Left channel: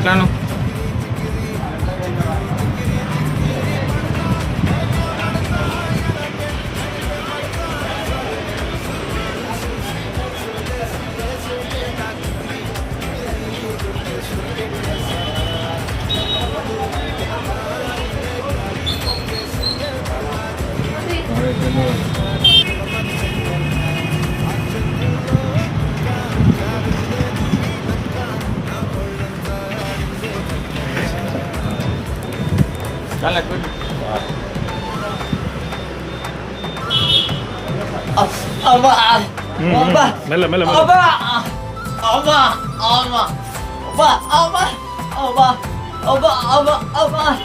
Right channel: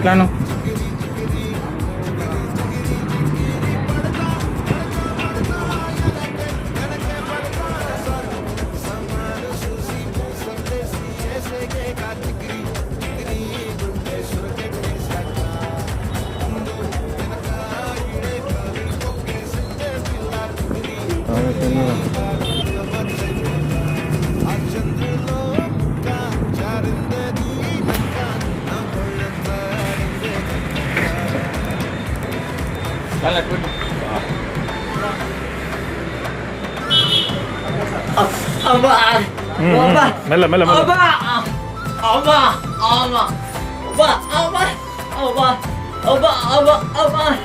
ఎట్లాను మెల్ల మెల్ల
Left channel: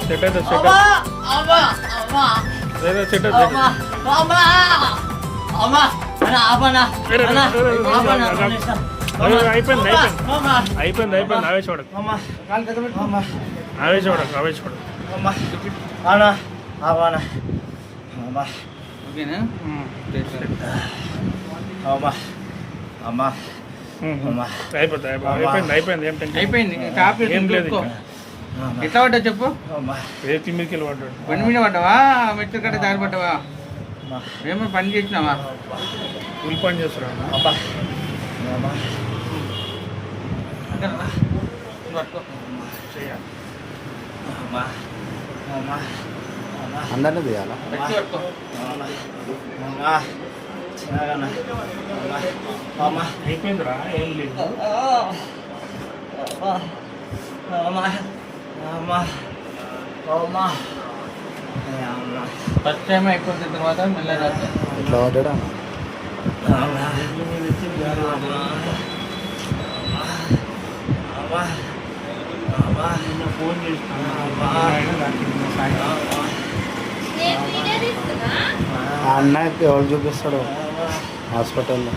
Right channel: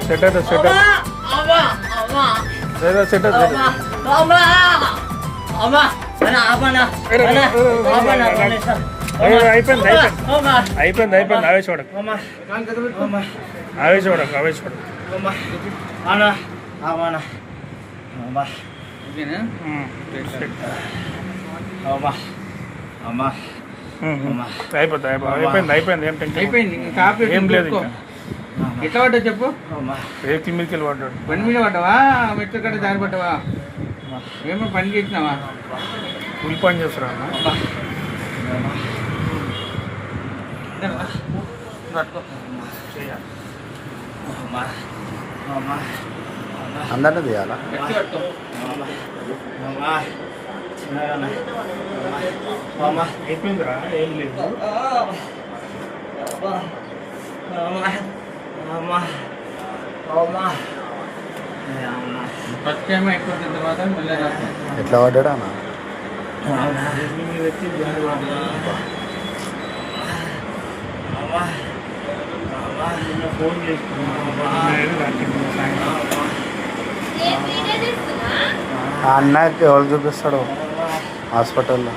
సెట్ అయితే సెట్ సెట్ అయిపోయింది అయిపోయింది అయిపోయింది ఆవేశపడకు ఆవేశపడకు ఆవేశపడకు అయిపోతుంది అయిపోయింది అయిపోయింది ఏం టెన్షన్ అయిపోయింది ఏం లేదు ఇంకా ఎట్లా పడ్డా చెప్పు రేకుల మీదకి పడ్డాడు బండి మీద పడ్డావా మెట్ల కట్ట దారి పడ్డావా ఏమో పని చేసినావా కూలి పని చేస్తున్నా అందరినీ తీయాలా అయిపోయిందిరా ఏం లేదు ఫస్ట్ టైం అయిపోతుంది మాత్రం మెల్లగా ఎట్లా పడ్డాడా ఫోన్ ఆ అన్నకి ఎవరు చూపిస్తాడు హాస్పిటల్లో